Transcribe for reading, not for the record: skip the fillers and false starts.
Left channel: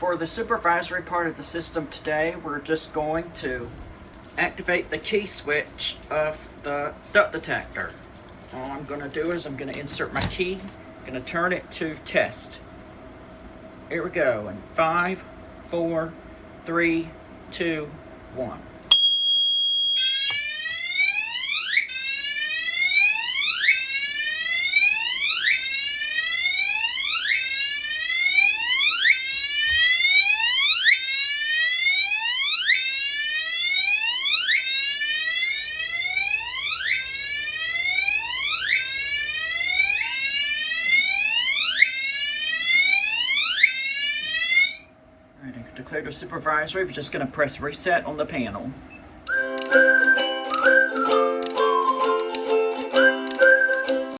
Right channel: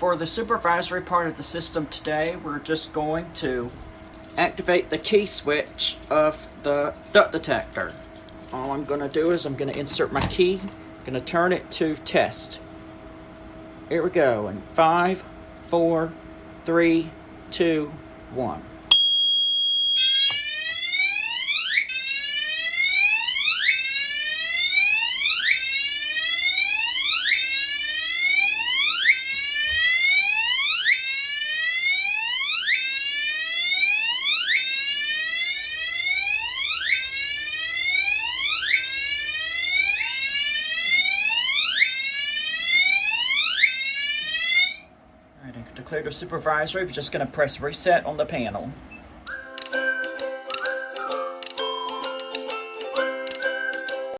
for the supervisory part of the system today, we're just going to activate the key switch of the duct detector. All I'm going to do is I'm going to insert my key, I'm going to turn it to test. Here we go, in 5, 4, 3, 2, 1. Alright, to clear the supervisory, we're just going to press reset on the panel.